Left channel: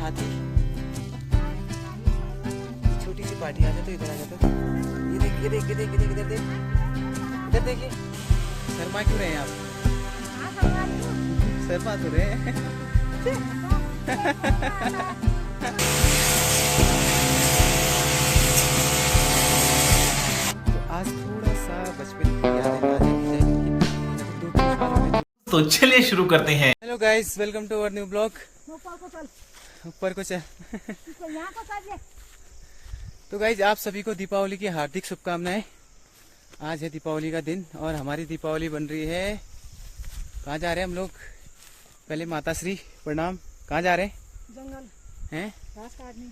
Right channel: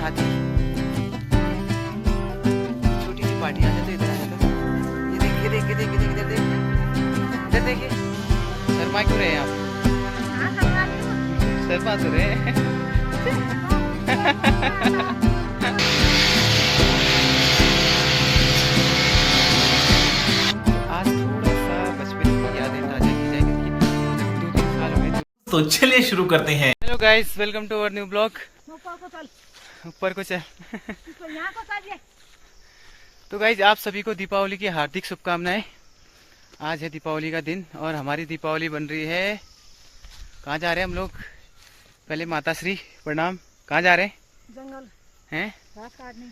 साथ ही छोटी सी पार्टी आ जाते, इधर आ जाते। ये देखिए देखिए देखिए देखिए इधर देखिए, इधर देखिए। शर्मा क्यों रहे हैं आप? शर्मा तो रहे हैं। आज थोड़ा सा बचपन की यादें ताज़ा की जाएगी, 2-3 साल हो गए। तो चलिए शुरू करते हैं। Hello guys, welcome to our new blog. ऊपर को चल। तो गाइस, आप सभी को दीपावली की हार्दिक शुभकामनाएं। आज है दीपावली का दिन और हमारी दीपावली बन रही है। कहाँ जा रहे हैं हम लोग? पहले माता श्री प्रणाम। कहाँ जा रहे हैं? जंगल हैं? घास काटने।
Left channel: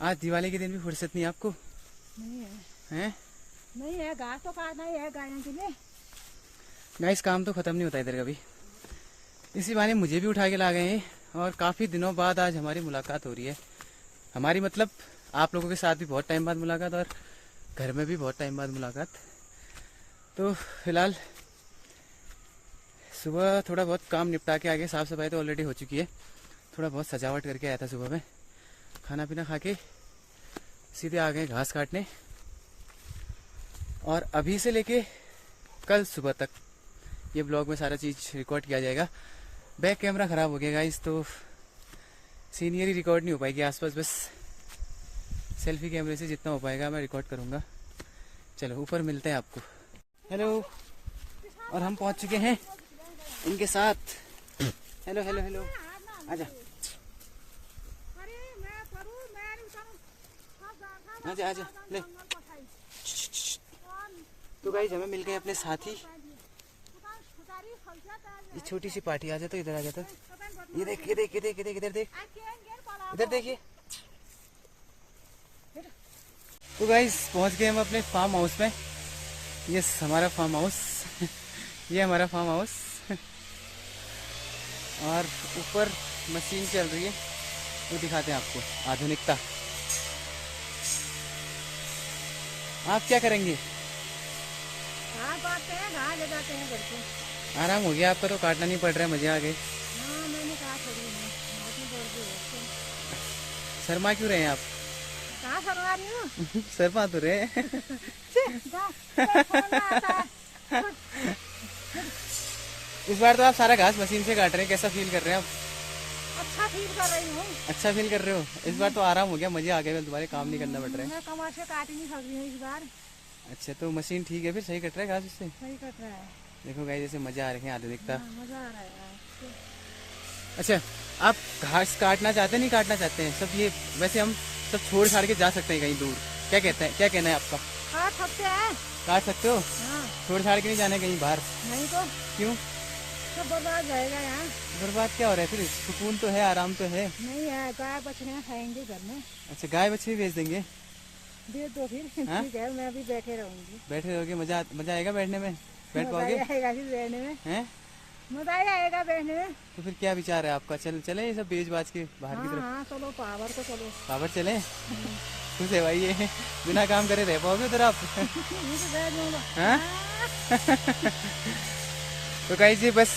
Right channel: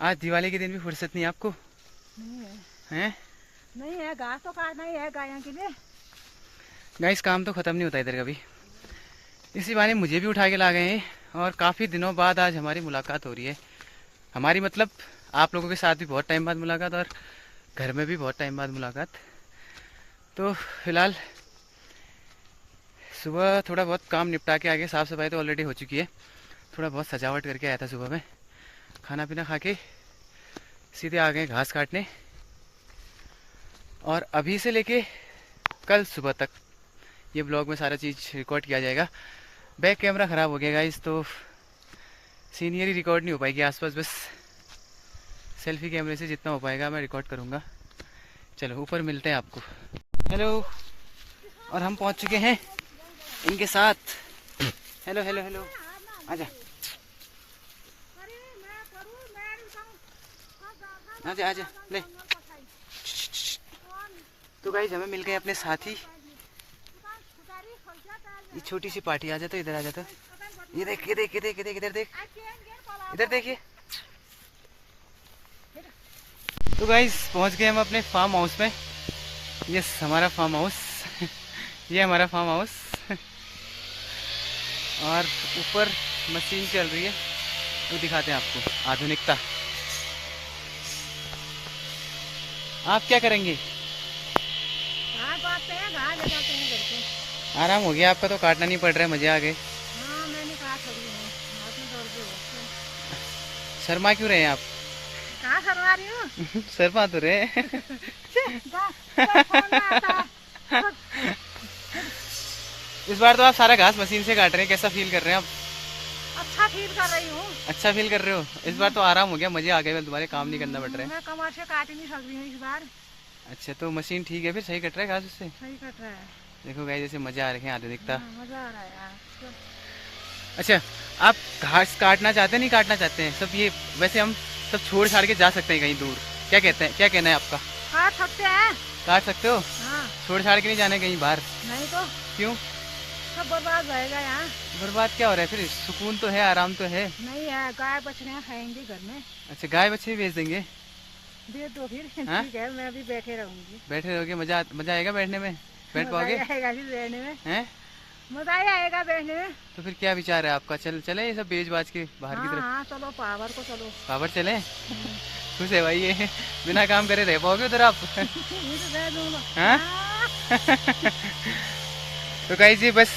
आज दिवाली के दिन भी फुर्सत नहीं आपको? नहीं है। हैं? नहीं है, घास तो काटना ही है गायों के लिए। गाइस, काम तो खत्म नहीं होता इधर कभी। इसी बहाने मुझे भी उठा के ला गए हैं और काफ़ी दिनों बाद आज हमारी मुलाकात हो रही है। हमारी मतलब आप लोगों के साथ भी बहुत टाइम बाद मुलाकात और घर में भी बहुत टाइम बाद मुलाकात। तो फिलहाल सुबह थोड़ा बहुत काम निपटा के आगे, साफ़ सफाई तो ऑलरेडी हो चुकी है, थोड़ा बहुत सजावट करके आया था सुबह में। खाना पीना खा के सीधे आ गए घास काटने और अभी से लेके कल सुबह तक ये ब्लॉग में सारा चीज़ रिकॉर्ड किया जाएगा। बैक कैमरा ख़राब हो गया गाइस, तो सीनियरी रिकॉर्ड नहीं हो पाएगी आसपास, बस सेल्फी कैमरे से जितना हो पाएगा मैं रिकॉर्ड करूँगा। चलो ऊपर मिलते हैं आपको। हेलो, और हम पहुँच चुके हैं इनके साथ। हेलो हेलो हेलो, आजा आजा आजा ले। तो गाइस, हमें मिल गए अपने साथी। ये छोटी सी पार्टी आ जाता, इधर आ जाता। ये देख ये देख ये देख ये देख इधर देख, इधर देखिए। तो गाइस, पहुंच गए हम अपने फार्म हाउस में। ये हमारा फार्म हाउस ये हमारा फार्म हाउस और ऊपर मशीन चल रही है, वो दिखाते हैं आपको आधुनिकता। आप क्या करेंगे? घास काटते हैं, घास ले जाते हैं घर को। आराम हो गया आपका, तो काटना नहीं पड़ रहा है, मजे आ गए। हाँ, मैंने कहा थोड़ी है, हाथ में दर्द है। शर्मा क्यों रहे हैं आप? कहाँ करवा रही हूँ? शर्मा तो रहे हैं। इस बार तो आप सारा घास मशीन से काट रहे हैं, कैसा फील कर रहे हैं आप? अच्छा फील कर रही हूँ। अच्छा फील कर रहे हो? इस बार तो आराम हो गया, मजे आ गए, दोबारा काम नहीं करना पड़ रहा है। मैं कमर से काट ही नहीं सक रही हूँ इस बार। अच्छा, तो मशीन ठीक है फिर, सही कट रहा है घास उससे? सही कट रहा है। देखो गाइस, जैसे मजा आ रहे हैं, आधुनिकता। हाँ, मजा आ रहा है यार। अच्छा, आप घास काटना चाहते हैं, नहीं काटना चाहते हैं? सब ये वैसे हम सब छोड़ छाड़ के जा सकते हैं कहीं दूर, क्या कहते हैं, क्या कहना है आपका? काट सकते हैं। काट सकते हो? हाँ। छोड़ छाड़ के नहीं जाना कहीं बाहर? नहीं तो क्यों? सब बर्बाद रहेगा यहाँ। बर्बाद क्या हो रहा है फिर? सुकून तो है, आराम तो है। नहीं है, गाय बछड़ियाँ खाएंगे घर में। अच्छा, गाय बच्चे भी बेच देंगे? दे दो फिर। हाँ? ठीक है, मैं अभी बैठे रहूंगी। बैठे रहोगे? मजा आएगा बैठने में? बैठ मजा पाओगे? आएगा फिर बैठने में। हैं? मजा ही आएगा बैठने में। तो फिर क्या विचार है आपका? चले ये सब बेच बाज के बाहर की तरफ? हाँ, चलो पावर को चलो। पावर चले? खुश है भाई ये, बिना काम करे रह पाओगे उधर आप? ये तो दे दूंगा। हाँ? तो गाइस, ये बस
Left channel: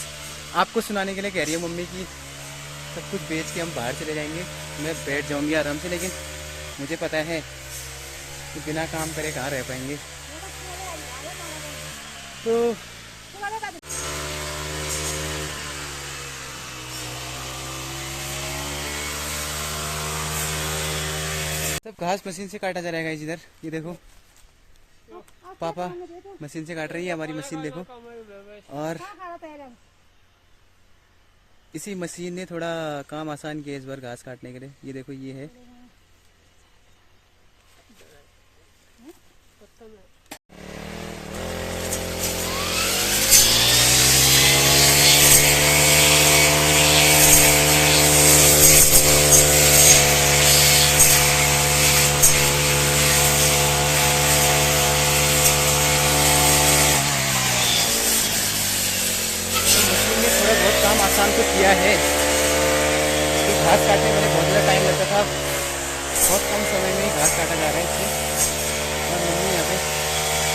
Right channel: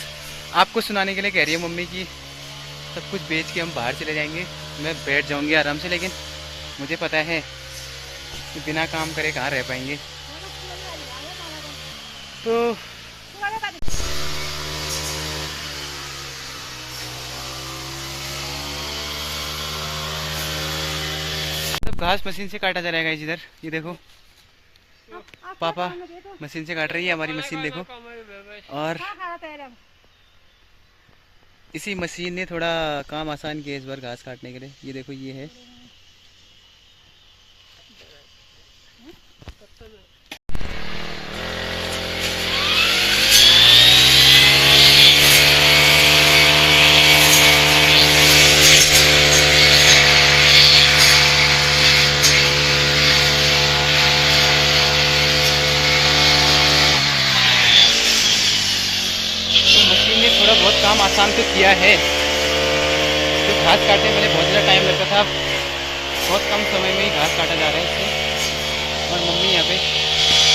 आपको सुनाने के लिए कह रही है मम्मी की सब कुछ बेच के हम बाहर चले जाएंगे, मैं बैठ जाऊंगी आराम से, लेकिन मुझे पता है कि बिना काम करे कहाँ रह पाएंगे। तो सब घास मशीन से काटा जा रहा है इधर, ये देखो पापा मशीन से काट रही है हमारी मशीन, देखो। और इसी मशीन ने थोड़ा काम आसान किया इस बार घास काटने के लिए। ये देखो, ये है बहुत काम आसान तो किया है। जो घास काटने में पहले बहुत ज़्यादा टाइम लगता था, बहुत कम समय में ही घास काटा जा रहा है इससे। और मम्मी यहाँ पे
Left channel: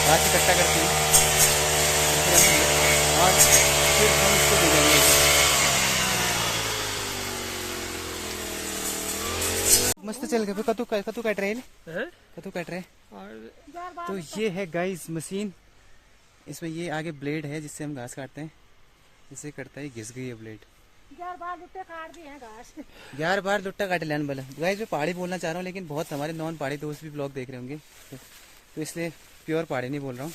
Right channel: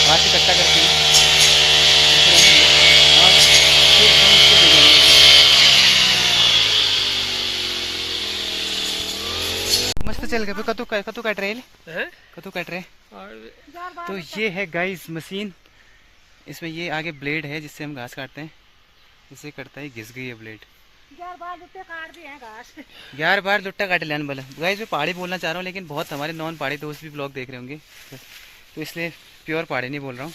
घास इकट्ठा करती है और फिर हम इसको भिगोएंगे। मस्त चल गए कतु कतु काट रहे हैं कतु काट रहे। और तो ये है गाइस मशीन, इसमें ये आगे ब्लेड है जिससे हम घास काटते हैं, इसे करता है घिस गई है ब्लेड। 11 बार लुट्टा काट लिया बोला। गाइस मैं पहाड़ी बोलना चाह रहा हूँ लेकिन बहुत हमारे नॉन पहाड़ी दोस्त भी ब्लॉग देख रहे होंगे तो इसलिए प्योर पहाड़ी नहीं बोल रहा हूँ।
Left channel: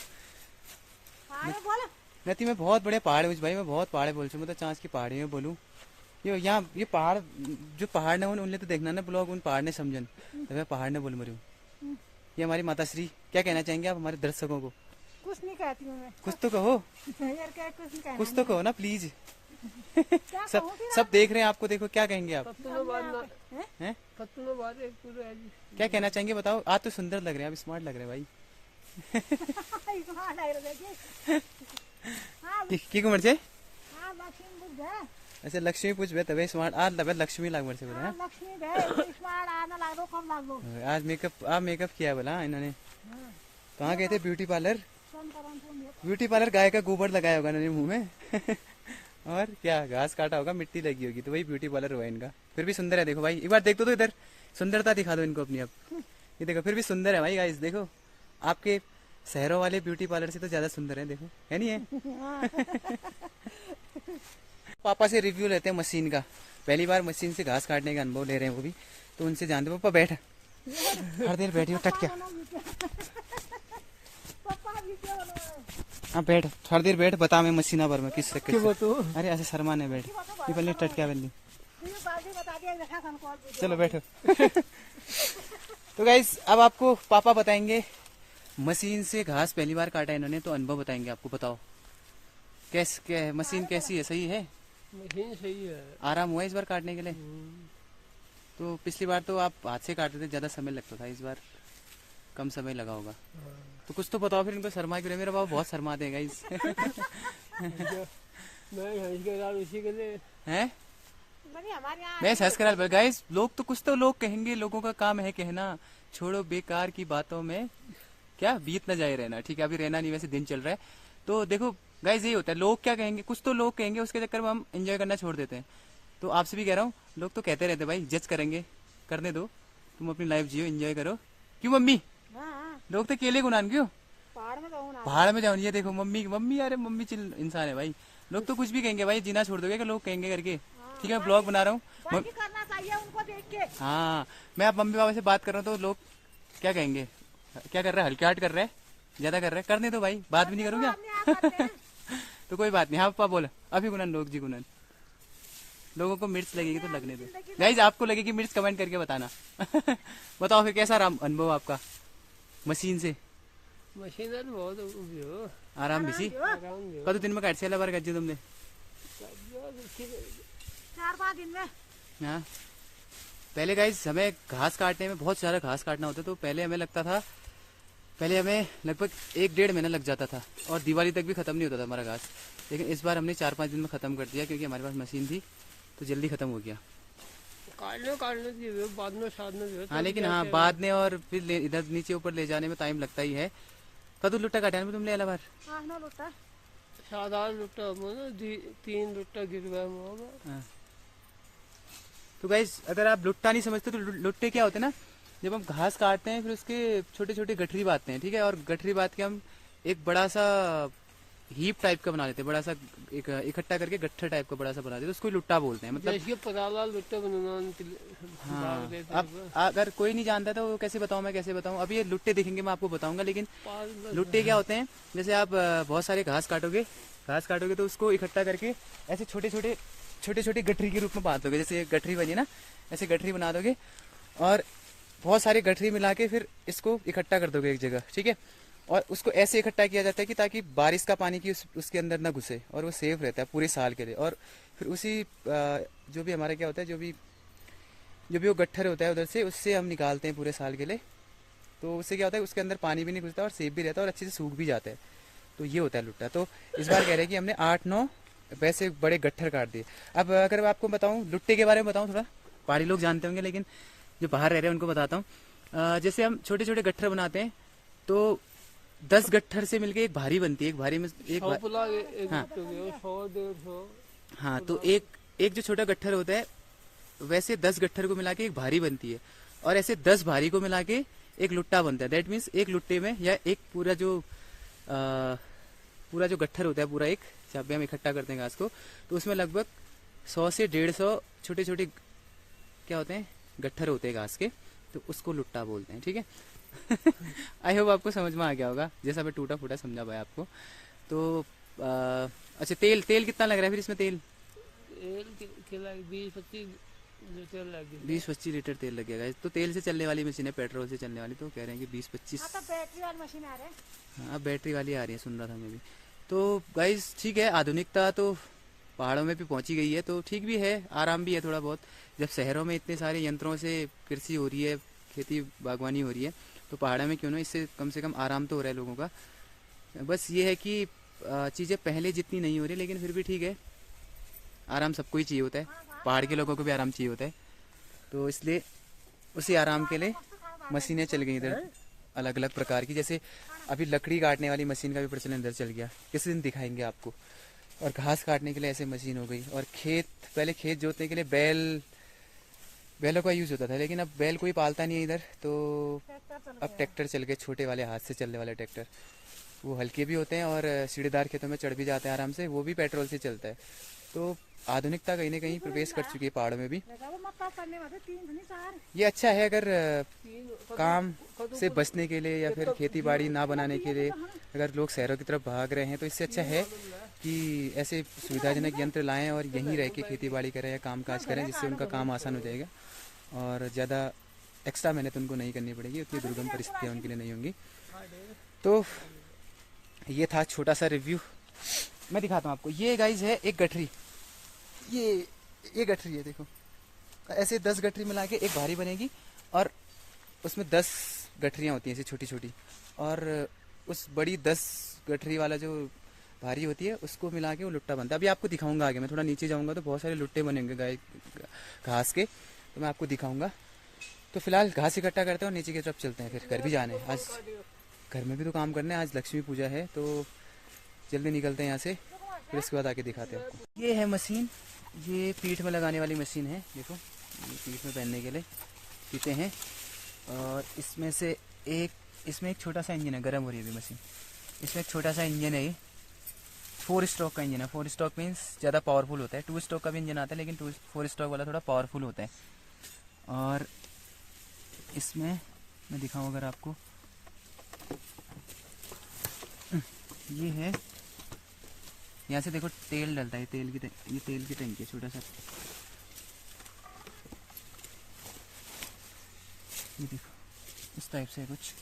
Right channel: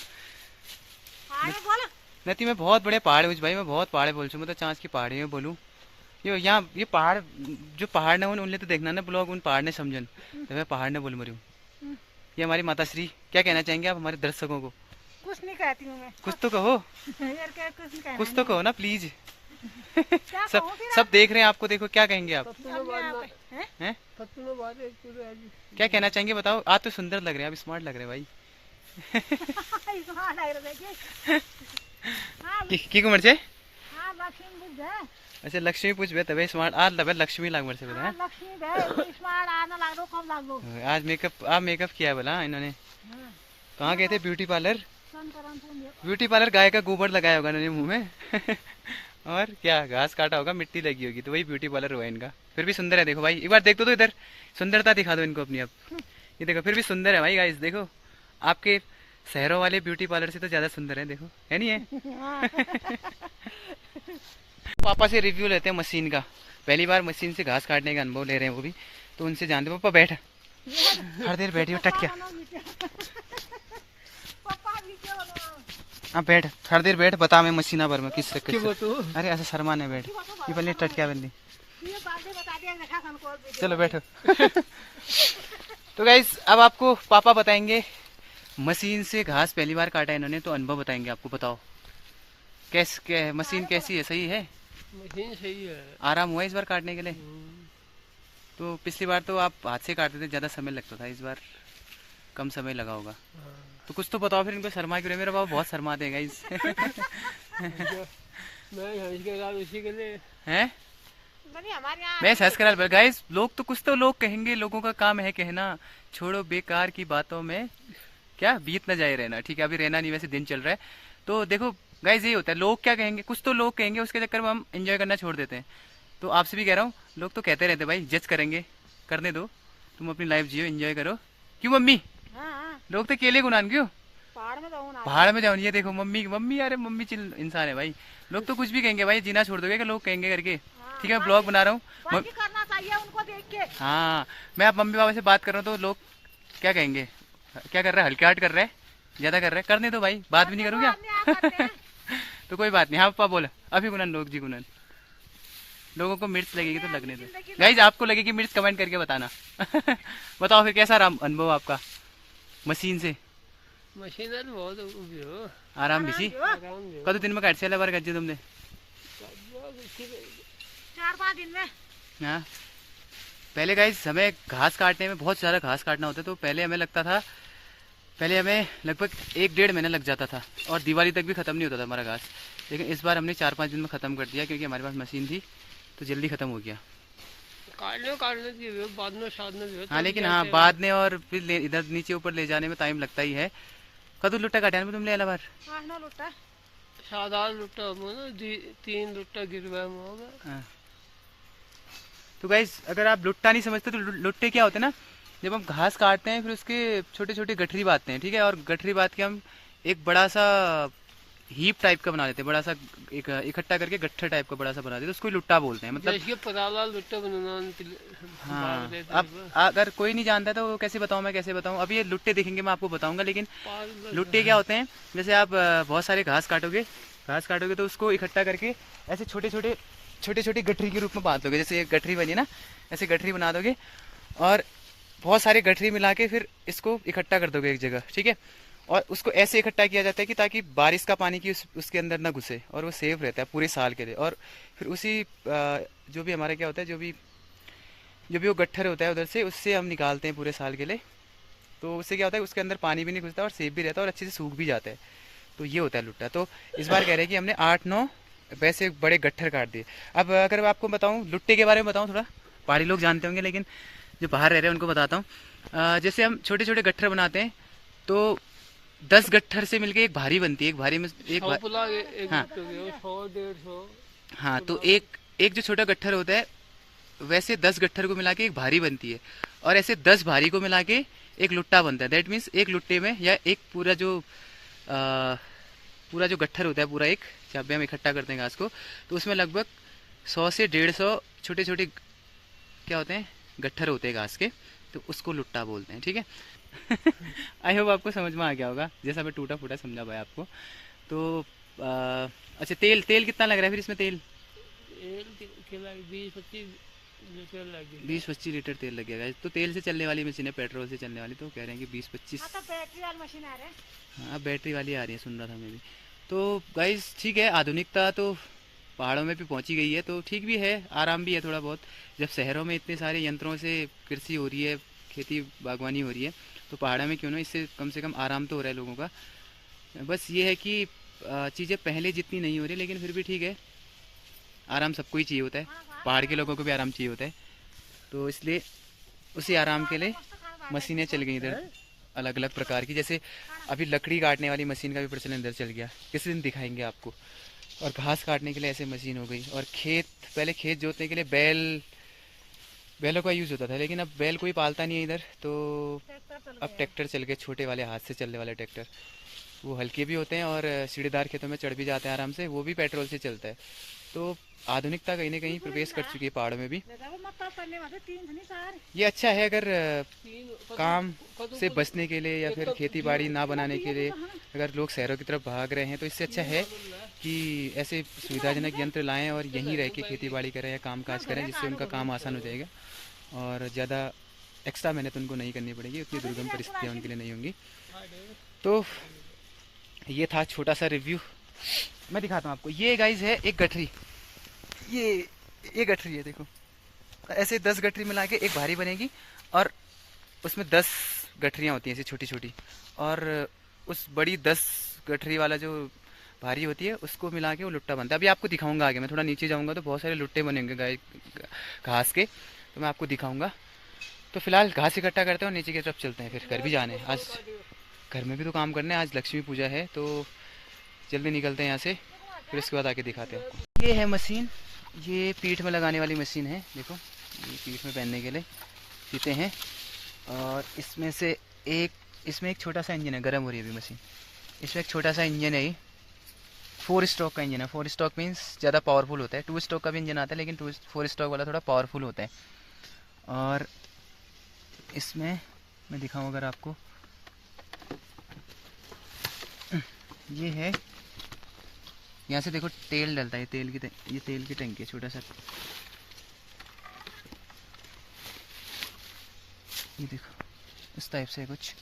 नहीं मैं बहुत बड़े पहाड़ हूँ भाई, मैं बहुत पहाड़ बोल चुका मतलब चाँच की पहाड़ी में बोलूँ। यहाँ ये पहाड़ जो पहाड़ ने उनने तो देखना ना ब्लॉग, उन पहाड़ ने समझन तो मैं पहाड़ ने बोल मरी हूँ। ये हमारी माता श्री, क्या कहना चाहेंगे आप हमारे दर्शकों को? कुछ नहीं कहती हूँ मैं। कुछ तो कहो यार क्या कुछ नहीं कहना। कुछ तो कहो ना प्लीज। क्या सब कहूँ फिर सब देख रहे हैं आपको, देखो क्या कहेंगे आप? हैं? क्या कहना चाहेंगे बताओ? आप तो सुंदर लग रहे हैं, आप स्मार्ट लग रहे हैं भाई। हाँ, लग रहा देखिए। हाँ, की उम्र से? हाँ, लक्ष्मी बुझ गए। अच्छा लक्ष्मी पूछ बे तबे स्मार्ट आज तबे लक्ष्मी लाग मर से बता। हाँ, लक्ष्मी गए स्मार्ट आना लाग दो कम लाग दो। आज मेकअप आप मेकअप किया बोला इन्होंने। हाँ, कहाँ गए थे? Beauty parlour. संतरामपुर में। ब्यूटी पार्लर गाय का गोबर लगाया होगा इन्होंने मुंह में और क्या घास काटा होगा, मिट्टी लगी होगी तो वही ब्यूटी पार्लर हुआ इनका। फिर भी सुंदर है देखो भाई, एक बार देख दो तो इधर सुंदरता दिखा दो इनको अपनी। अब ये देखो फिर भी सुंदर है भाई गाइस, देखो आपके शहरों वाले ब्यूटी पार्लर से तो ज्यादा सुंदर है, देखो है नहीं है? पापा से रिव्यू लेते हैं मशीन का, पहली बार मशीन से घास काटने का अनुभव ले रहे हैं वो भी, तो उनसे जानते। पापा बैठ हर देर बैठी हो टटक्या। हाँ बैठ हर देर बैठ, बता मैं मशीना पर में किस रख। अरे ऐसा शर्मा ने बैठ, ये पहले टटक्या बंदी। चलो बैठो। तो गाइस अब आपको पापा बताएंगे मशीन से घास पहली बार काटा इन्होंने तो अनुभव बताएंगे आपको। बताओ कैसे मशीन कैसी है? सही है? मशीन सही है। आराम हुआ इस बार काटने के लिए? तो पिछली बार तो आप हाथ से काटते थे, ज्यादा समय लगता था, इस बार कम समय लगा होगा। तो कुछ तो बताओ फिर, इनको शर्मा क्यों रहे? मेरा बाबा बहुत शर्मा देगा इस मैं उसी के लिए हैं हमारे यहाँ मैं सस करा गाइस। लोग तो कुछ तो लोग कहेंगे, लोगों का काम है कहना, छोड़ो बेकार की बातों में क्या बीत न जाए रहना। ठीक है अभी रहना नहीं, वैसे दिन चल रहा है तो देखो गाइस यही होता है, लोग क्या कहेंगे, कुछ तो लोग कहेंगे, उसके चक्कर में हम एंजॉय करना छोड़ देते हैं। तो आपसे भी कह रहा हूँ, लोग तो कहते रहते भाई, जज करेंगे, करने दो, तुम अपनी लाइफ जियो, एंजॉय करो। क्यों मम्मी? हाँ, लोग तो केले गुनान क्यों? पहाड़ में जाऊँ ना। पहाड़ में जाओ। ये देखो मम्मी मम्मी, अरे मम्मी चिल इंसान है भाई। लोग तो कुछ भी कहेंगे भाई, जीना छोड़ दोगे क्या लोग कहेंगे करके? ठीक है मैं ब्लॉग बना रहा हूँ। बाकी करना चाहिए उनको देख के। हाँ मैं अब मम्मी पापा से बात कर रहा हूँ तो लोग क्या कहेंगे, क्या कर रहा है, हल्के हार्ट कर रहा है, ज्यादा कर रहा है, करने दो भाई, बात भी नहीं करूँ क्या? तो कोई बात नहीं। हाँ पापा बोला अभी गुनन, लोग जी गुनन, लोगों को मिर्च लगेगी तो लगने दो। गाइज आपको लगेगी मिर्च कमेंट करके बताना। बताओ फिर कैसा रहा अनुभव आपका मशीन से? मशीन बहुत हो आराम भी कद दिन में काट से बार काट तुमने? 4-5 दिन में। हाँ पहले गाइज हमें घास काटने में बहुत सारा घास काटना होता है, तो पहले हमें लगता था, पहले हमें लगभग 1-1.5 महीना लग जाता था और दिवाली तक भी खत्म नहीं होता था हमारा घास। लेकिन इस बार हमने 4-5 दिन में खत्म कर दिया क्योंकि हमारे पास मशीन थी तो जल्दी खत्म हो गया। काटने की बाद में साधने। हाँ लेकिन हाँ बाद में और फिर इधर नीचे ऊपर ले जाने में टाइम लगता ही है। कदू लुट्टा काटा तुम ले बार? 8-9 लुट्टा। साधारण लुट्टा 3 लुट्टा गिरवा में। तो गाइस अगर आप लुट्टा नहीं समझते तो लुट्टे क्या होते हैं ना, जब हम घास काटते हैं फिर उसके छोटे छोटे गठरी बांधते हैं, ठीक है, और गठरी बांध के हम एक बड़ा सा हीप टाइप का बना लेते हैं, बड़ा सा एक इकट्ठा करके गट्ठर टाइप का बड़ा सा बना देते हैं, उसको लुट्टा बोलते हैं। मतलब पताला लुट्टा बनाना। हाँ अब अगर कोई नहीं जानता तो कैसे बताऊं, मैं कैसे बताऊं? अभी ये लुट्टे दिखेंगे मैं आपको बताऊंगा, लेकिन लुट्टे क्या होते हैं, जैसे आप बहुत सारे घास काटोगे तो उसको इकट्ठा करके ऐसे छोटे छोटे गठरी के रूप में बांध दोगे। जैसे एक गठरी बनी ना, ऐसे गठरी बना दोगे और बहुत सारे गठरी मिला के फिर इसको इकट्ठा कर दोगे एक जगह, ठीक है। और उसको ऐसे इकट्ठा किया जाता है कि ताकि बारिश का पानी की उसके अंदर ना घुसे और वो सेफ रहता है पूरे साल के लिए। और फिर उसी जो भी हमारा क्या होता है, जो भी वो गट्ठर होता है उधर से, उससे हम निकालते हैं पूरे साल के लिए। तो उससे क्या होता है, उसके अंदर पानी भी नहीं घुसता और सेफ भी रहता है और अच्छे से सूख भी जाता है। तो ये होता है लुट्टा। तो इस बार कह रहे हैं कि हमने 8-9 वैसे बड़े गट्ठर काट दिए। अब अगर आपको बताऊं लुट्टे के बारे में बताऊं, थोड़ा पहाड़ी लोग जानते होंगे लेकिन जो बाहर रह रहे हैं उनको बताता हूँ। जैसे हम छोटे छोटे गट्ठर बनाते हैं तो 10 गट्ठर से मिलके एक भारी बनती है। एक भारी में एक हाँ, 100-150। हाँ तो एक जो छोटा गट्ठर होता है वैसे 10 गट्ठर को मिला के एक भारी बनती है। और ऐसे 10 भारी को मिला के एक लुट्टा बनता है। दैट मीन्स एक लुट्टे में या एक पूरा जो गट्ठर होता है, पूरा एक जहाँ पे हम इकट्ठा करते हैं घास को, तो उसमें लगभग 100 से 150 छोटे छोटे क्या होते हैं, गट्ठर होते हैं घास के, तो उसको लुट्टा बोलते हैं। ठीक है। आई होप आपको समझ में आ गया होगा, जैसा मैं टूटा फूटा समझा पाया आपको। तो अच्छा, तेल कितना लग रहा है फिर इसमें? तेल 20-25 लीटर लगे। 20-25 लीटर तेल लग गया। तो तेल से चलने वाली मशीन है, पेट्रोल से चलने वाली, तो कह रहे हैं कि 20-25। बैटरी वाली मशीन आ रही है। हाँ, बैटरी वाली आ रही है, सुन रहा था मैं भी। तो गाइस ठीक है, आधुनिकता तो पहाड़ों में भी पहुंची गई है, तो ठीक भी है, आराम भी है थोड़ा बहुत। जब शहरों में इतने सारे यंत्रों से कृषि हो रही है, खेती बागवानी हो रही है, तो पहाड़ों में क्यों ना, इससे कम से कम आराम तो हो रहा है लोगों का। बस ये है कि चीज़ें पहले जितनी नहीं हो रही, लेकिन फिर भी ठीक है, आराम सबको ही चाहिए होता है, पहाड़ के लोगों को भी आराम चाहिए होता है। तो इसलिए उसी आराम के लिए मशीनें चल गई इधर अलग अलग प्रकार की। जैसे अभी लकड़ी काटने वाली मशीन का भी प्रचलन इधर चल गया, किसी दिन दिखाएंगे आपको। और घास काटने के लिए ऐसे मशीन हो गई। और पहले खेत जोतने के लिए बैलों का यूज़ होता था, लेकिन अब बैल कोई पालता नहीं है इधर, तो अब ट्रैक्टर चल गए, छोटे वाले हाथ से चलने वाले ट्रैक्टर। वो हल्के भी होते हैं और सीढ़ीदार खेतों में चढ़ भी जाते हैं आराम से, वो भी पेट्रोल से चलता है। तो आधुनिकता कहीं ना कहीं प्रवेश कर चुकी है पहाड़ों में भी। ये अच्छा है अगर काम से बचने के लिए या फिर खेती बाड़ी ना बनाने के लिए अगर लोग शहरों की तरफ भाग रहे हैं, तो इससे अच्छा है कि ऐसे सुविधाजनक यंत्र लाएं और यहीं रह के खेती बाड़ी करें या काम काज करें, जिससे उनका काम आसान हो जाएगा और ज़्यादा एक्स्ट्रा मेहनत उनको नहीं करनी पड़ेगी, उतनी दुर्गम परिस्थितियाँ उनके लिए नहीं होंगी। तो ये था छोटा सा रिव्यू। मैं दिखाता हूँ आपको। ये गाइज है एक गठरी, ये गठरी है, देखो ऐसे 10 गठरी मिला के एक भारी बनेगी और उसमें 10 गठरियाँ होती हैं ऐसी छोटी छोटी, और उस बड़ी 10 गठरी वाला जो भारी होती है उसको मिला के वो लुट्टा बनता है। अभी आपको दिखाऊंगा आगे, मैं थोड़ा नीचे जाऊंगा तो बहुत सारे लुट्टे बनेंगे गाय घास के, तो मैं आपको दिखाऊंगा। तो फिलहाल घास इकट्ठा करते हैं और नीचे की तरफ चलते हैं, फिर घर भी जाने हैं। आज घर में भी तो काम करना है, आज लक्ष्मी पूजा है, तो जल्दी निकलते हैं यहाँ से, फिर इसके बाद आके दिखाते हैं आपको। ये है मशीन, ये पीठ में लगाने वाली मशीन है, देखो ये पीठ में पहनने के लिए पीते हैं। और इसमें एक छोटा सा इंजन है, गर्म हो रही है अभी मशीन। इसमें एक छोटा सा इंजन है, 4 स्ट्रोक का इंजन है। 4 स्ट्रोक मीन्स ज़्यादा पावरफुल होता है। 2 स्ट्रोक का भी इंजन आता है, लेकिन 4 स्ट्रोक वाला थोड़ा पावरफुल होता है। और इसमें मैं दिखाऊँ अगर आपको, ये है, यहाँ से देखो तेल डलता है, ये तेल की टंकी है, छोटा सा, ये देखो इस टाइप से कुछ,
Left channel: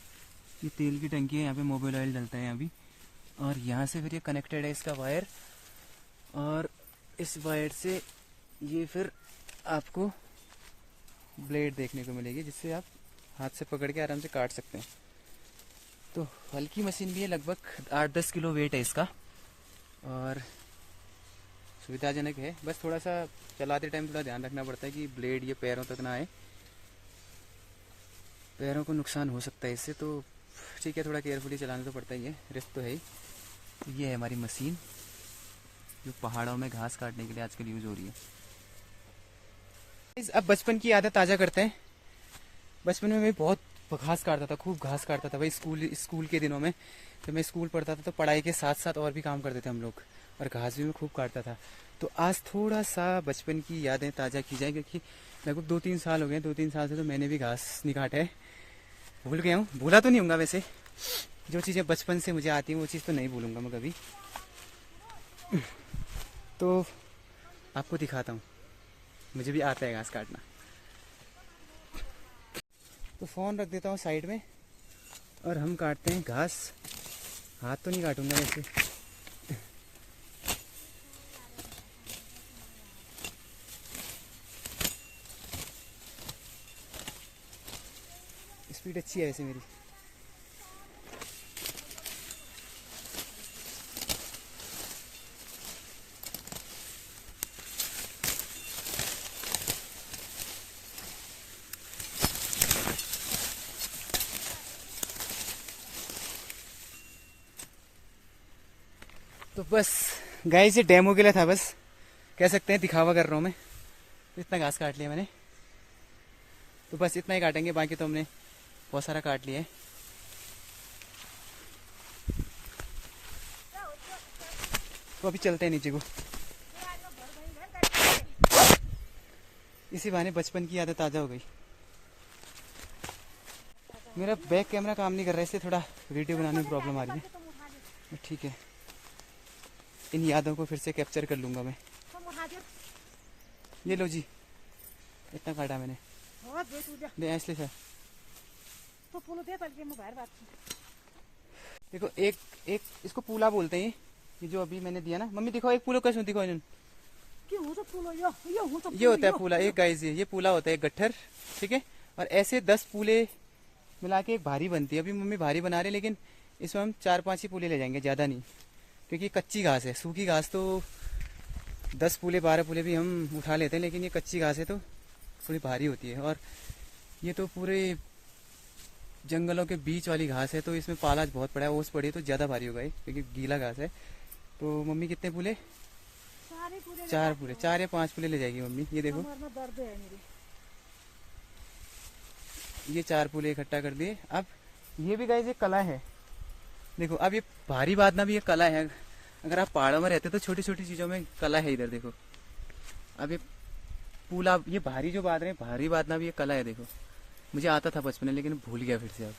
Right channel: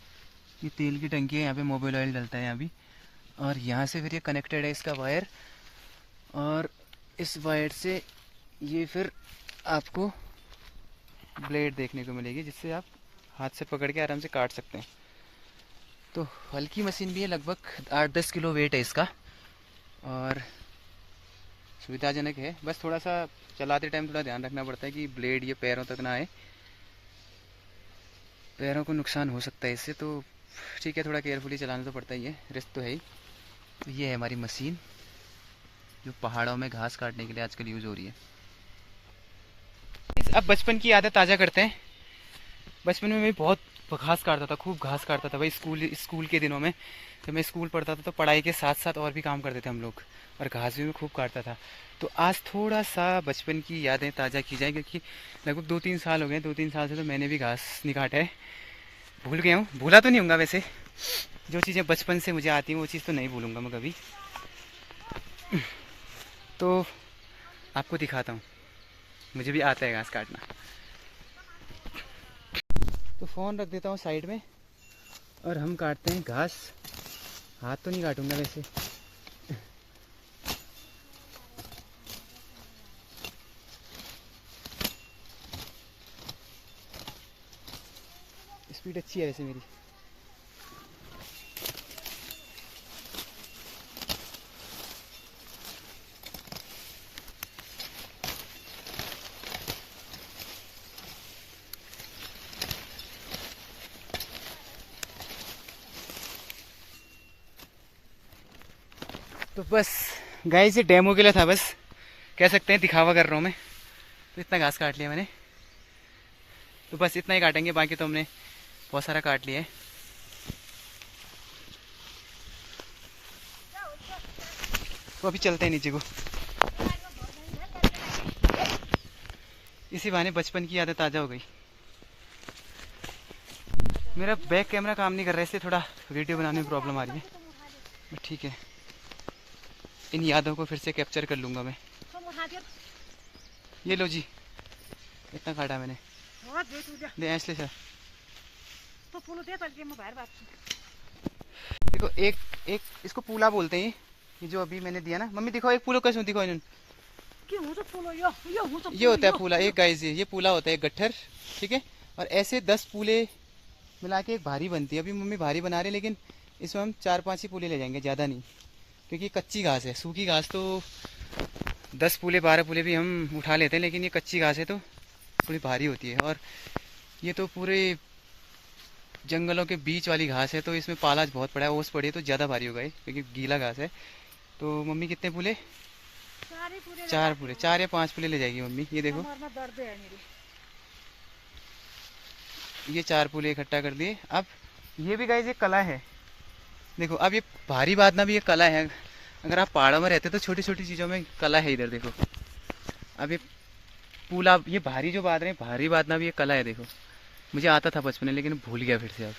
ये तेल की टंकी है, यहाँ पे मोबाइल ऑयल डलता है यहाँ भी। और यहाँ से फिर ये कनेक्टेड है इसका वायर, और इस वायर से ये फिर आपको ब्लेड देखने को मिलेगी, जिससे आप हाथ से पकड़ के आराम से काट सकते हैं। तो हल्की मशीन भी है, लगभग 8-10 किलो वेट है इसका, और सुविधाजनक है। बस थोड़ा सा चलाते टाइम थोड़ा ध्यान रखना पड़ता है कि ब्लेड ये पैरों तक ना आए, पैरों को नुकसान हो सकता है इससे, तो ठीक है, थोड़ा केयरफुली चलाना तो पड़ता ही है, रिस्क तो है ही। तो ये है हमारी मशीन जो पहाड़ों में घास काटने के लिए आजकल यूज़ हो रही है। अब बचपन की आदत ताज़ा करते हैं। बचपन में मैं बहुत घास काटता था, खूब घास काटता था भाई। स्कूल के दिनों में जब मैं स्कूल पढ़ता था, तो पढ़ाई के साथ साथ और भी काम करते थे हम लोग, और घास भी मैं खूब काटता था। तो आज थोड़ा सा बचपन की यादें ताज़ा की जाए, क्योंकि लगभग 2-3 साल हो गए, 2-3 साल से तो मैंने भी घास नहीं काटा है। भूल गया हूँ, भूला तो नहीं होऊंगा वैसे, जो चीज़ें बचपन से मुझे आती हैं वो चीज़ तो नहीं भूलूंगा मैं कभी। तो आपको दिखाता हूँ, मुझे भी आता है घास काटना। तो फ़ोन रख देता हूँ साइड में और हम काटते हैं घास। हाथ तो नहीं काटूंगा वैसे। स्पीड अच्छी है ऐसे मेरी। तो बस गाइस, ये डेमो के लिए था, बस कह सकते हैं दिखावा कर रहा हूँ मैं। तो इतना घास काट लिया मैंने। तो बस इतना ही काटेंगे, बाकी तो हमने बहुत सारा काट लिया है। तो अभी चलते हैं नीचे को। इसी बहाने बचपन की यादें ताज़ा हो गई। मेरा बैक कैमरा काम नहीं कर रहा है, इसलिए थोड़ा वीडियो बनाने में प्रॉब्लम आ रही है, बट ठीक है, इन यादों को फिर से कैप्चर कर लूँगा मैं। ये लो जी, इतना काटा मैंने, दे ऐसे सर। देखो एक एक इसको पूला बोलते हैं, ये जो अभी मैंने दिया ना। मम्मी दिखाओ एक पूलो कैसे दिखाओ इन्होंने। ये होता है पूला, एक गाइस ये पूला होता है, एक गट्ठर, ठीक है। और ऐसे 10 पूले मिला के एक भारी बनती है। अभी मम्मी भारी बना रहे, लेकिन इसमें हम 4-5 ही पूले ले जाएंगे, ज़्यादा नहीं, क्योंकि कच्ची घास है। सूखी घास तो 10 पूले 12 पूले भी हम उठा लेते हैं, लेकिन ये कच्ची घास है तो थोड़ी भारी होती है। और ये तो पूरे जंगलों के बीच वाली घास है, तो इसमें पाला बहुत पड़ा है, ओस पड़ी है, तो ज़्यादा भारी होगा ये, क्योंकि गीला घास है। तो मम्मी कितने पूले? 4 पूले, 4 या 5 पूले ले जाएगी मम्मी। ये देखो, ये 4 पूले इकट्ठा कर दिए। अब ये भी गाइस एक कला है, देखो। अब ये भारी बांधना भी एक कला है। अगर आप पहाड़ों में रहते तो छोटी छोटी चीज़ों में कला है। इधर देखो, अब ये पूला, ये भारी जो बांध रहे हैं, भारी बांधना भी एक कला है। देखो, मुझे आता था बचपन में, लेकिन भूल गया फिर से। अब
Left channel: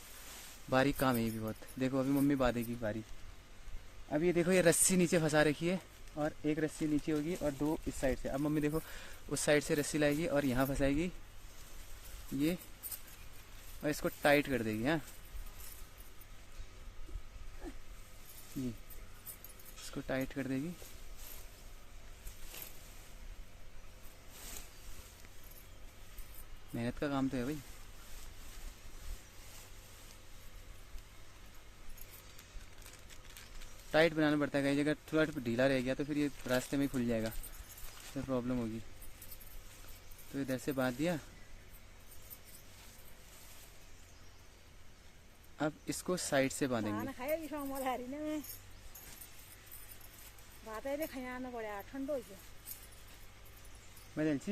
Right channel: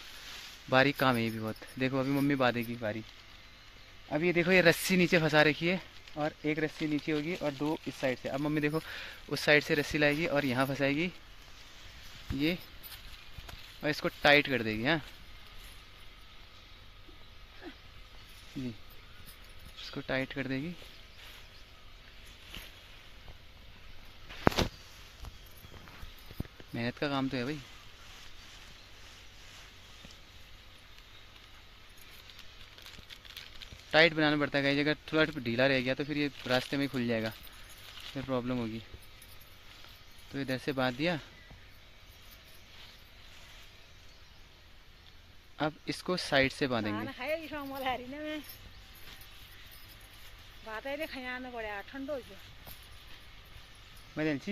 बारीक काम है ये भी बहुत। देखो अभी मम्मी बांधेगी भारी। अब ये देखो, ये रस्सी नीचे फंसा रखी है, और एक रस्सी नीचे होगी और 2 इस साइड से। अब मम्मी देखो उस साइड से रस्सी लाएगी और यहाँ फंसाएगी ये, और इसको टाइट कर देगी। हाँ जी, इसको टाइट कर देगी। मेहनत का काम तो है भाई। टाइट बनाना पड़ता है, अगर थोड़ा ढीला रह गया तो फिर ये रास्ते में खुल जाएगा, फिर प्रॉब्लम होगी। तो इधर से बांध दिया। अब इसको साइड से बांधेंगे।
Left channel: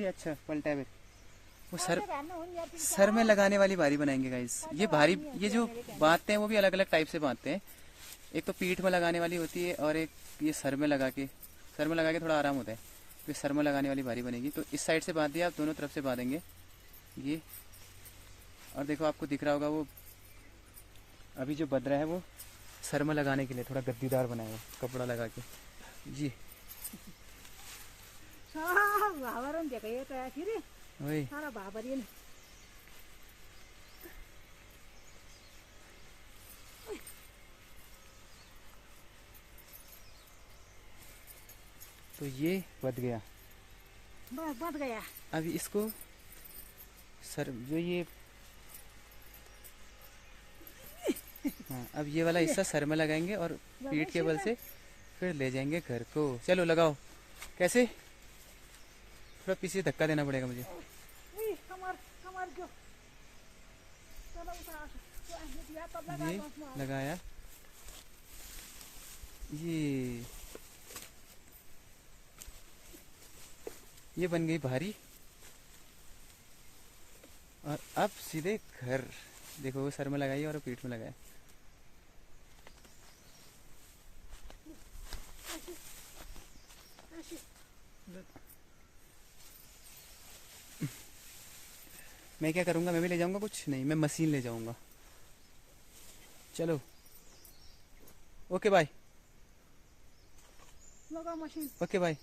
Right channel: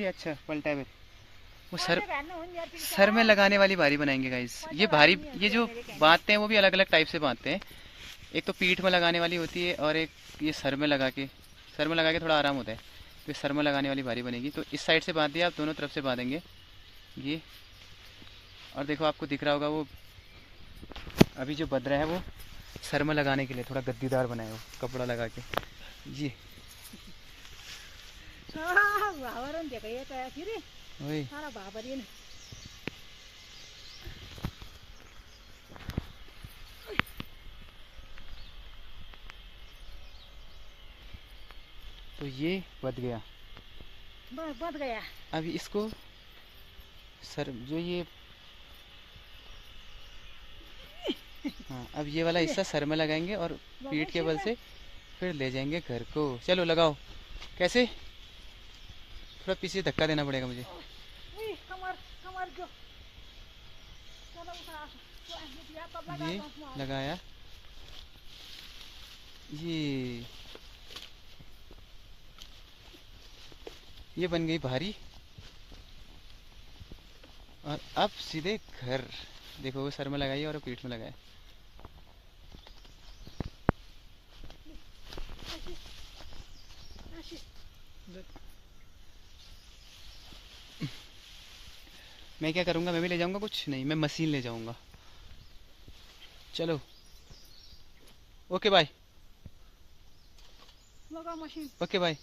अच्छा पलटा है। वो सर में लगाने वाली भारी बनाएंगे गाइस। ये भारी, ये जो बांधते हैं वो भी अलग अलग टाइप से बांधते हैं। एक तो पीठ में लगाने वाली होती है, और एक ये सर में लगा के थोड़ा आराम होता है। ये सर में लगाने वाली भारी बनेगी। तो इस साइड से बांध दिया, आप दोनों तरफ से बांधेंगे ये। और देखो आपको दिख रहा होगा, वो अभी जो बद रहा है वो सर में लगाने के लिए थोड़ा गद्दीदार बनाएगा, कपड़ा लगा के जी। वही तो ये बद गया। अभी इसको सर जो ये, हाँ, अब ये वाला हिस्सा सर में लगाएंगे और पीठ के बल से फिर ले जाएंगे घर को। चलो लगाओ। कैसे? थोड़ा पीछे धक्का देना पड़ेगा मुझे। ये लगाया, ये बन गई भारी। और अब सीधे घर। देखो वो सर में लगाई और पीठ में लगाया। मैं क्या करूँगा, मैं भी ले जाऊँगा कुछ नहीं, मैं मशीन ले जाऊँगा। चलो ओके बाय। Okay bye.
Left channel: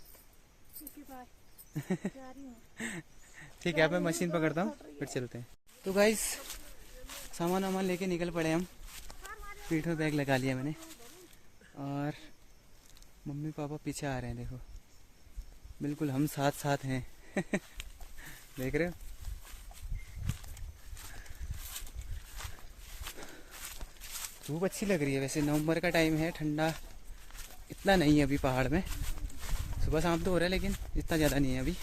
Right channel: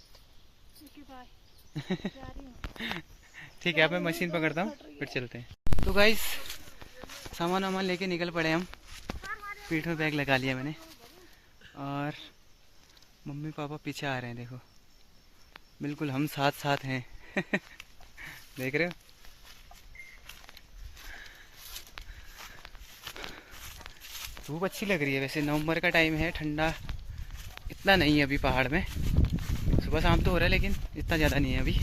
ठीक है, अब मैं मशीन पकड़ता हूँ, फिर चलते हैं। तो गाइस सामान वामान लेके निकल पड़े हम। पीठ में बैग लगा लिया मैंने, और मम्मी पापा पीछे आ रहे हैं। देखो बिल्कुल हम साथ साथ हैं। देख रहे हो? धूप अच्छी लग रही है वैसे। नवंबर का टाइम है, ठंडा इतना नहीं है अभी पहाड़ में। सुबह शाम तो हो रहा है, लेकिन इतना ज़्यादा नहीं है अभी।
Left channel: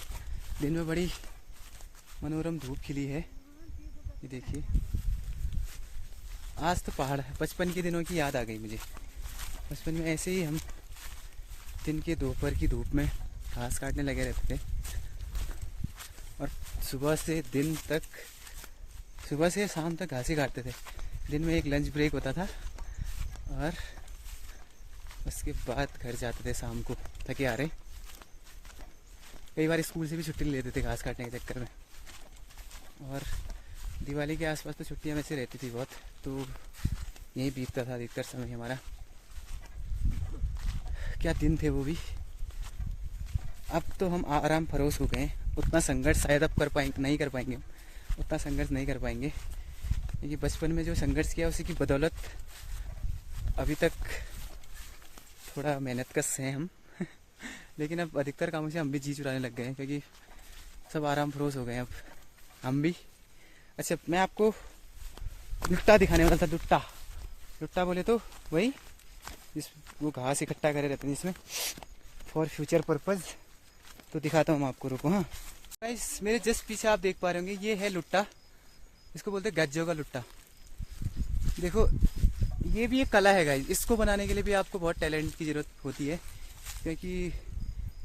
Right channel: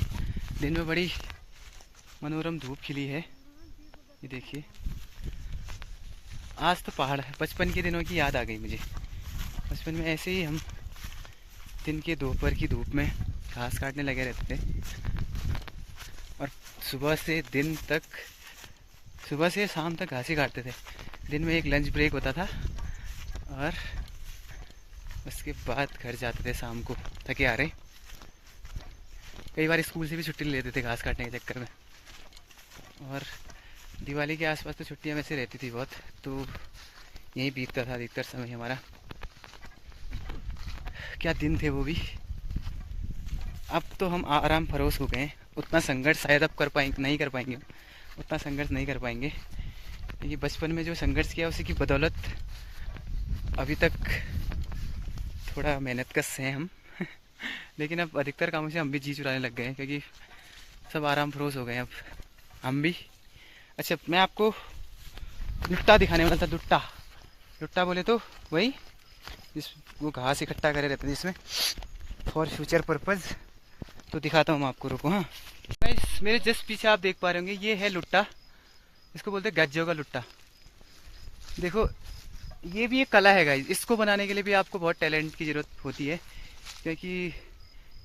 दिन में बड़ी मनोरम धूप खिली है। ये देखिए, आज तो पहाड़, बचपन के दिनों की याद आ गई मुझे। बचपन में ऐसे ही हम दिन के दोपहर की धूप में घास काटने लगे रहते थे, और सुबह से दिन तक सुबह से शाम तक घास ही काटते थे। दिन में एक लंच ब्रेक होता था और उसके बाद घर जाते थे शाम को थके आ रहे। कई बार स्कूल से भी छुट्टी ले लेते थे घास काटने के चक्कर में। और दिवाली के आसपास तो छुट्टियां वैसे रहती थी बहुत, तो यहीं बीतता था अधिकतर समय हमारा। क्या दिन थे वो भी। अब तो हम आराम फरोश हो गए हैं। उतना संघर्ष शायद अब नहीं कर पाएंगे, उतना संघर्ष नहीं कर पाएंगे, क्योंकि बचपन में जो संघर्ष किया उसी की बदौलत अभी तक थोड़ा मेहनत कश हैं हम। लेकिन अब अधिकतर कामों से हम भी जी चुराने लग गए हैं, क्योंकि सब आराम फरोश हो गए हैं अब हम भी। अच्छा, मैं आपको लुट्टा दिखाने वाला था। लुट्टा बोले तो वही जिस वो घास इकट्ठा करे रहते हैं जिसमें फॉर फ्यूचर पर्पज़। तो दिखाता हूँ मैं आपको, रुको। हाँ गाइस, मेरे जस्ट पीछे आप देख पा रहे होंगे, ये है लुट्टा। इसको बोलते हैं गज्जों का लुट्टा। देखो, ये भी एक कला है गाइस। इसको बनाने के लिए भी आपको बहुत टैलेंट की ज़रूरत होती है, क्योंकि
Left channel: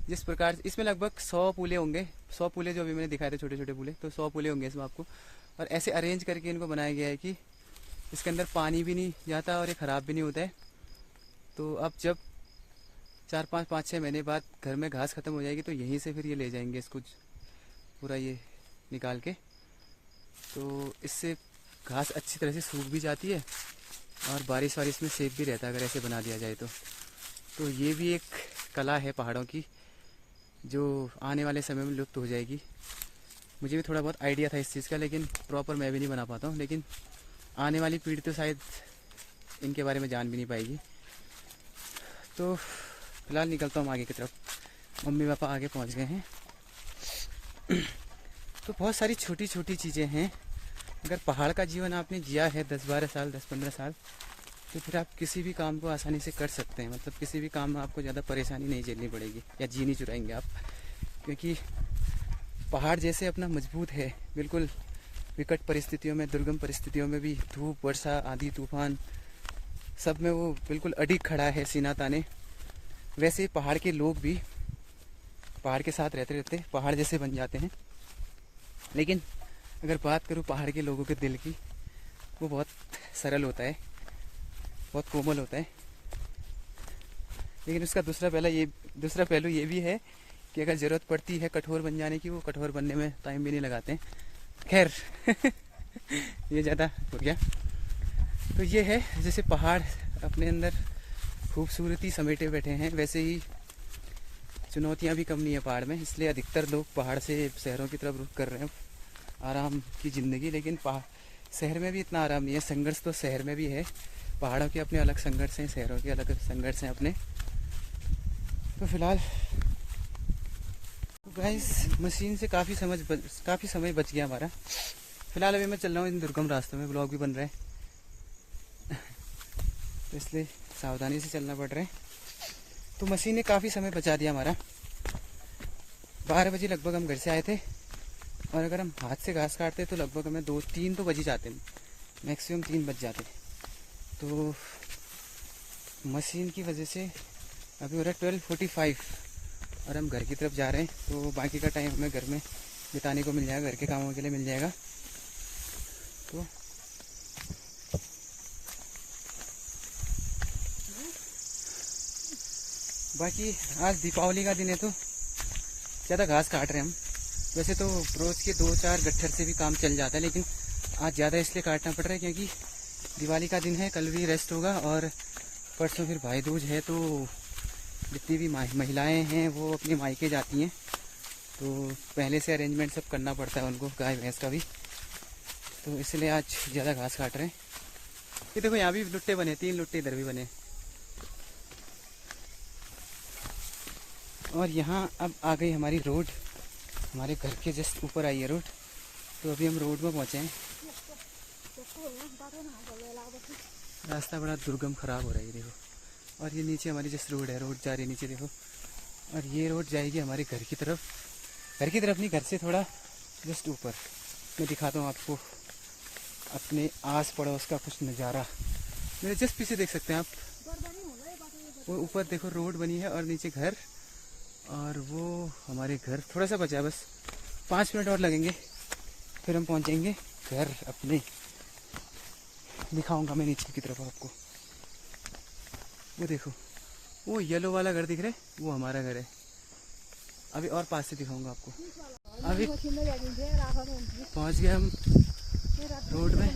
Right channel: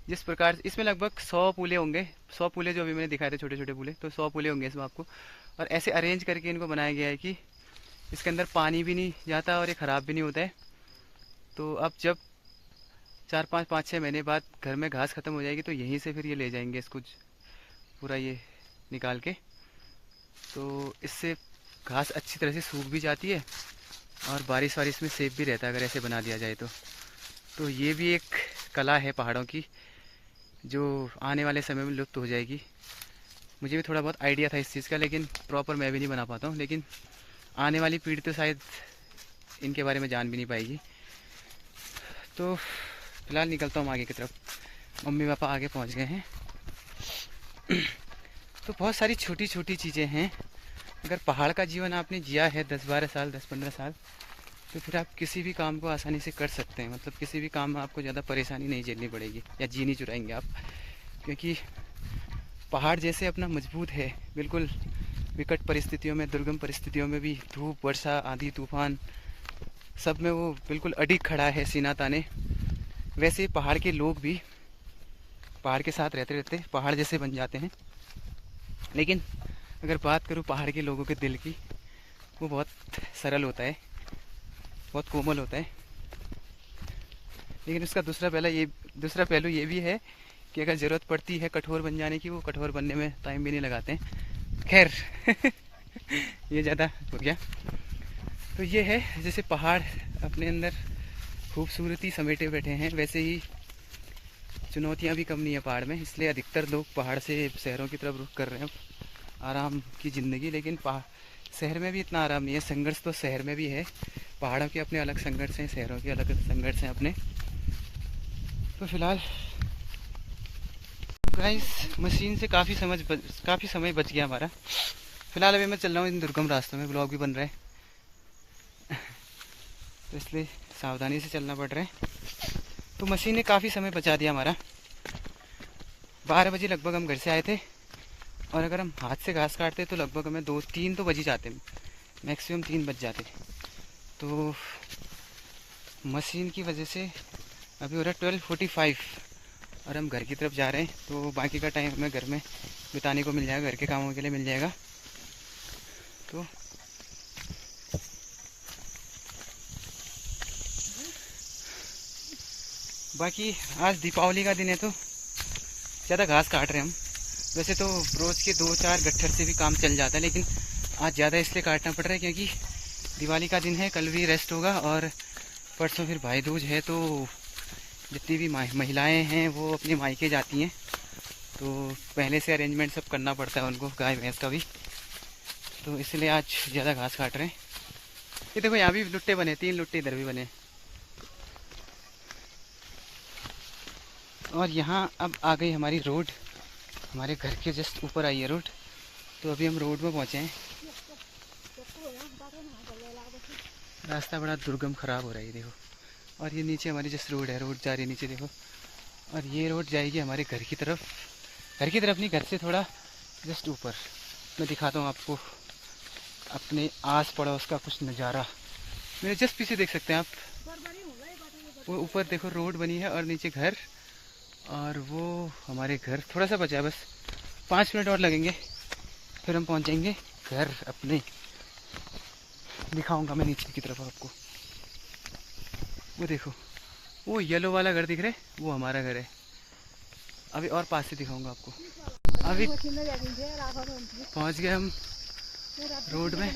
जिस प्रकार इसमें लगभग 100 पूले होंगे। 100 पूले जो अभी मैंने दिखाए थे, छोटे छोटे पूले, तो 100 पूले होंगे इसमें आपको। और ऐसे अरेंज करके इनको बनाया गया है कि इसके अंदर पानी भी नहीं जाता और ये ख़राब भी नहीं होता है। तो अब जब 4-5-6 महीने बाद घर में घास ख़त्म हो जाएगी तो यहीं से फिर ये ले जाएंगे इसको पूरा ये निकाल के। तो इससे घास अच्छी तरह से सूख भी जाती है और बारिश वारिश में सेफ भी रहता है अगर ऐसे बना दिया जाए तो ये भी एक कला है पहाड़ों की, जो आने वाले समय में लुप्त हो जाएगी। मुझे भी थोड़ा बहुत आइडिया था इस चीज़ का, लेकिन प्रॉपर मैं भी नहीं बना पाता हूँ। लेकिन आने वाली पीढ़ी तो शायद इनके बारे में जान भी नहीं पाएगी। तो फिलहाल निकलता हूँ आगे की तरफ। मम्मी पापा आगे पहुँच गए हैं। तो बहुत सारी छोटी छोटी चीज़ें हैं। अगर पहाड़ का जीवन आपने जिया है 10-12 साल, 10-15 साल, तो फिर आप किसी भी काम को आसानी से कर सकते हैं। मतलब किसी भी काम में आपको ज़्यादा परेशानी नहीं झेलनी पड़ेगी या जी नहीं चुराएंगे आप, क्योंकि पहाड़ जैसे अपना मजबूत है बिल्कुल। विकट परिस्थितियों में, दुर्गम परिस्थितियों में भी, धूप, वर्षा, आंधी, तूफान, सब में वो बिल्कुल अडिग खड़ा है सीना ताने। वैसे पहाड़ के लोग भी पहाड़ के साथ रहते रहते पहाड़ जैसे बन जाते हैं। लेकिन अगर बात करूँ पहाड़ के लोगों के दिल की, वो बहुत सरल होता है, बहुत कोमल होता है। लेकिन उसका दूसरा पहलू ये भी है कि अगर ज़रूरत पड़ती है कठोर बन जाने की, वो कठोर बनने में टाइम भी नहीं लगाते हैं। खैर ये ज़्यादा हो गया। तो ये है, जैसे पहाड़ अपने अंदर खूबसूरती समेटे बैठे हैं, वैसे ही चुनौतियाँ भी कम नहीं है पहाड़ में। इसलिए अधिकतर लोग पहाड़ से शहरों की तरफ रुख कर रहे हैं आराम की ज़िंदगी। लेकिन शहर में भी इतना आराम नहीं है। संघर्ष तो शहर में भी है। पहाड़ों के अपने अलग संघर्ष हैं, शहरों के अलग संघर्ष हैं अपने। तो फिलहाल गाइस, मशीन से काफ़ी समय बच गया हमारा। फिलहाल अभी मैं चल रहा हूँ इन दुर्गम रास्तों में, ब्लॉग भी बन रहा है तो इसलिए सावधानी से चलना पड़ रहा है। तो मशीन ने काफ़ी समय बचा दिया हमारा। 12 बजे लगभग हम घर से आए थे, और अगर हम हाथ से घास काटते तो लगभग हमें 2-3 तो बज ही जाते, मैक्सिमम 3 बज जाते। तो मशीन की वजह से अभी हो रहा है 12:45 और हम घर की तरफ जा रहे हैं। तो बाकी का टाइम हमें घर में बिताने को मिल जाएगा, घर के कामों के लिए मिल जाएगा। तो बाकी आज दीपावली का दिन है तो ज़्यादा घास काट रहे हैं हम। वैसे तो रोज़ के 2-4 गट्ठर से भी काम चल जाता है, लेकिन आज ज़्यादा इसलिए काटना पड़ रहा है क्योंकि दिवाली का दिन है। कल भी रेस्ट होगा और परसों फिर भाई दूज है। तो जितनी भी महिलाएं हैं वो अपने मायके जाती हैं, तो पहले से अरेंजमेंट सब करना पड़ता है उनको, गाय भैंस का भी। तो इसलिए आज ज़्यादा घास काट रहे हैं। ये देखो, यहाँ भी लुट्टे बने, 3 लुट्टे इधर भी बने। और यहाँ अब आ गई हमारी रोड, हमारे घर के जस्ट ऊपर आई है रोड। तो अभी हम रोड में पहुँचे हैं। रास्ता बड़ा दुर्गम ख़राब हो रहा है, देखो। और ये नीचे हमारी जस्ट रोड है, रोड जा रही है नीचे, देखो। और ये रोड जाएगी हमारे घर की तरफ नहीं, घर से थोड़ा जस्ट ऊपर। मैं दिखाता हूँ आपको अपने आस पड़ोस का कुछ नज़ारा। मेरे जस्ट पीछे देख सकते हैं आप, वो ऊपर देखो रोड बनी है और नीचे घर। और वो हमारे घर थोड़ा सा बचा है, बस 5 मिनट और लगेंगे फिर हम पहुंच जाएंगे घर अपने दिखाऊंगा मैं नीचे की तरफ आपको। वो देखो, वो येलो वाला घर दिख रहा है, वो हमारा घर है। अभी और पास से दिखाऊंगा आपको। अभी पहुंच गए हम रोड में।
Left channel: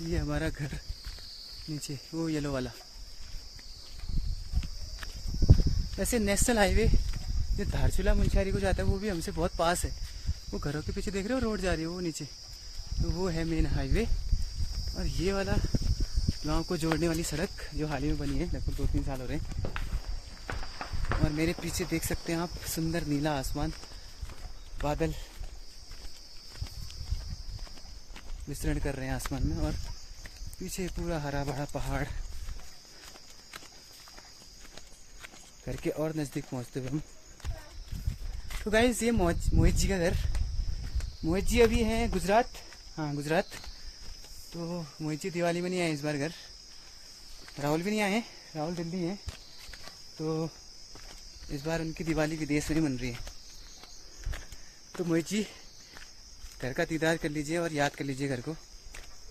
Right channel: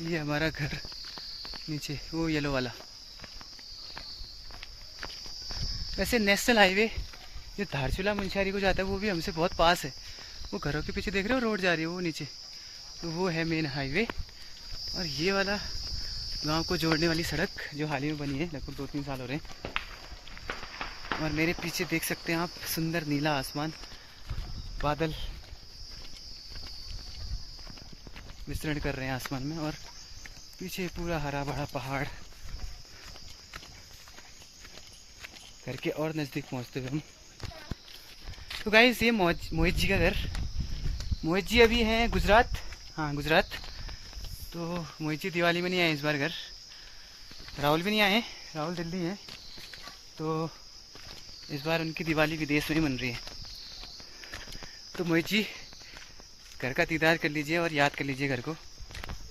ये हमारा घर नीचे, वो येलो वाला। वैसे नेशनल हाईवे जो धारचूला मुंशियारी को जाता है वो भी हमसे बहुत पास है। वो घरों के पीछे देख रहे हो रोड जा रही है वो नीचे, तो वो है मेन हाईवे। और ये वाला गांव को जोड़ने वाली सड़क जो हाल ही में बनी है, लगभग 2-3 साल हो रहे हैं। और मेरे पीछे देख सकते हैं आप सुंदर नीला आसमान, बादल विचरण कर रहे हैं आसमान में, और पीछे पूरा हरा भरा पहाड़। घर के और नज़दीक पहुंचते हुए हम, तो गाइस ये मोहित जी का घर। मोहित जी अभी हैं गुजरात, हाँ गुजरात। तो मोहित जी दिवाली में नहीं आए इस बार घर। राहुल भी नहीं आए, राहुल दिल्ली है। तो इस बार उनकी दिवाली विदेश में ही मन रही है। तो मोहित जी घर का दीदार कर लीजिए और याद कर लीजिए घर को।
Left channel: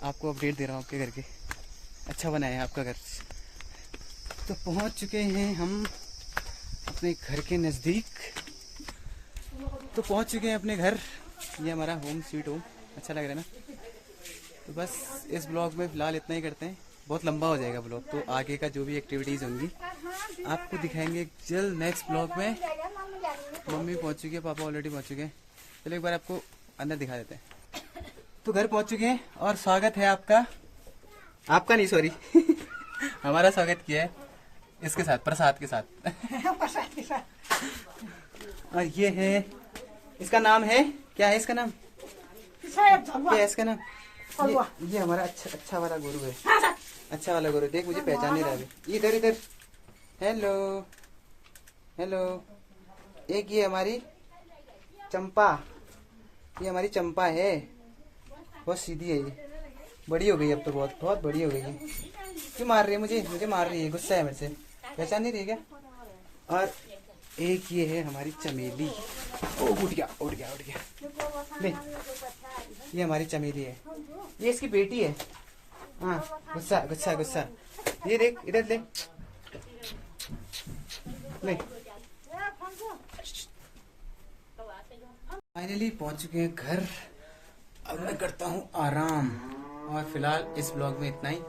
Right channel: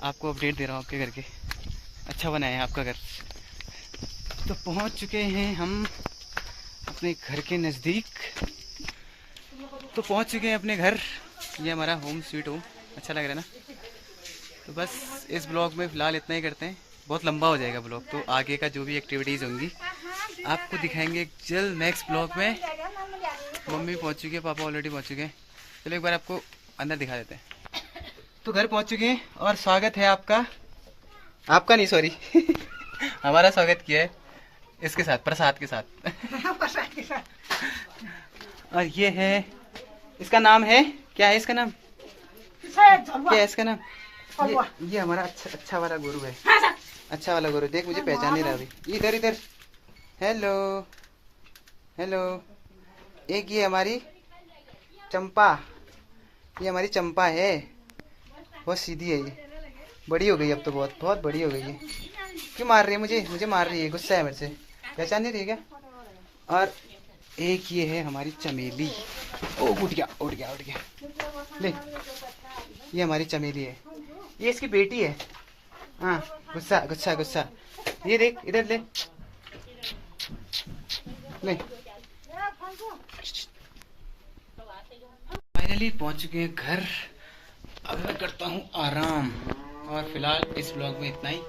आपको अपडेट दे रहा हूँ आपके घर के, अच्छा बनाया है आपका घर। तो पहुँच चुके हैं हम अपने घर के नज़दीक। तो पहुँच चुके हैं अपने घर। ये हमारा होम स्वीट होम, अच्छा लग रहा है ना। तो बस इस ब्लॉग में फ़िलहाल इतना ही करते हैं, बहुत लंबा हो जाएगा ब्लॉग। तो आगे का जो भी एक्टिविटीज़ होंगी आपको दिखाएंगे जल्द नेक्स्ट ब्लॉग में। मम्मी पहुंच चुकी है, पापा ऑलरेडी पहुंच चुके हैं। चलो एक बार आपको अंदर दिखा देते हैं। तो घर पहुंच चुके हैं और स्वागत है आपका, आपका नहीं सॉरी हमारा स्वागत किया है इसके साथ, प्रसाद के साथ। और ये है, इसका नाम है, क्या है इसका नाम, क्या है इसका नाम? ये हमारा अच्छा वाला गुरु है, अच्छा वाला गुरु। देख मुझे पहचान नहीं रहा अभी। इधर इधर, हेलो हेलो। एक ये हमारी चंपा, ये हमारी चंपा है, बहुत सीधी है ये, बड़ी हो गई अब तो, बहुत बहुत बड़ी हो गई है। क्यों मार रही है मुझे मार रही है, गुस्सा है मेरे से, पहचान नहीं रही क्या? और एक ये है हमारी चमेली। ओ उठ गया ले, ये हमारी चमेली है, ये इसकी बेटी है। हाँ गुस्सा। ये देख इधर ले ले। फाइनली पहुंच चुके हैं घर। अब मैं करता हूँ आराम। और फिलहाल इस ब्लॉग में इतना ही,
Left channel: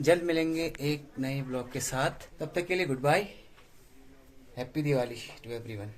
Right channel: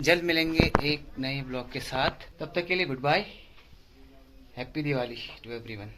जल्द मिलेंगे एक नए ब्लॉग के साथ। तब तक के लिए good bye, happy Diwali to everyone.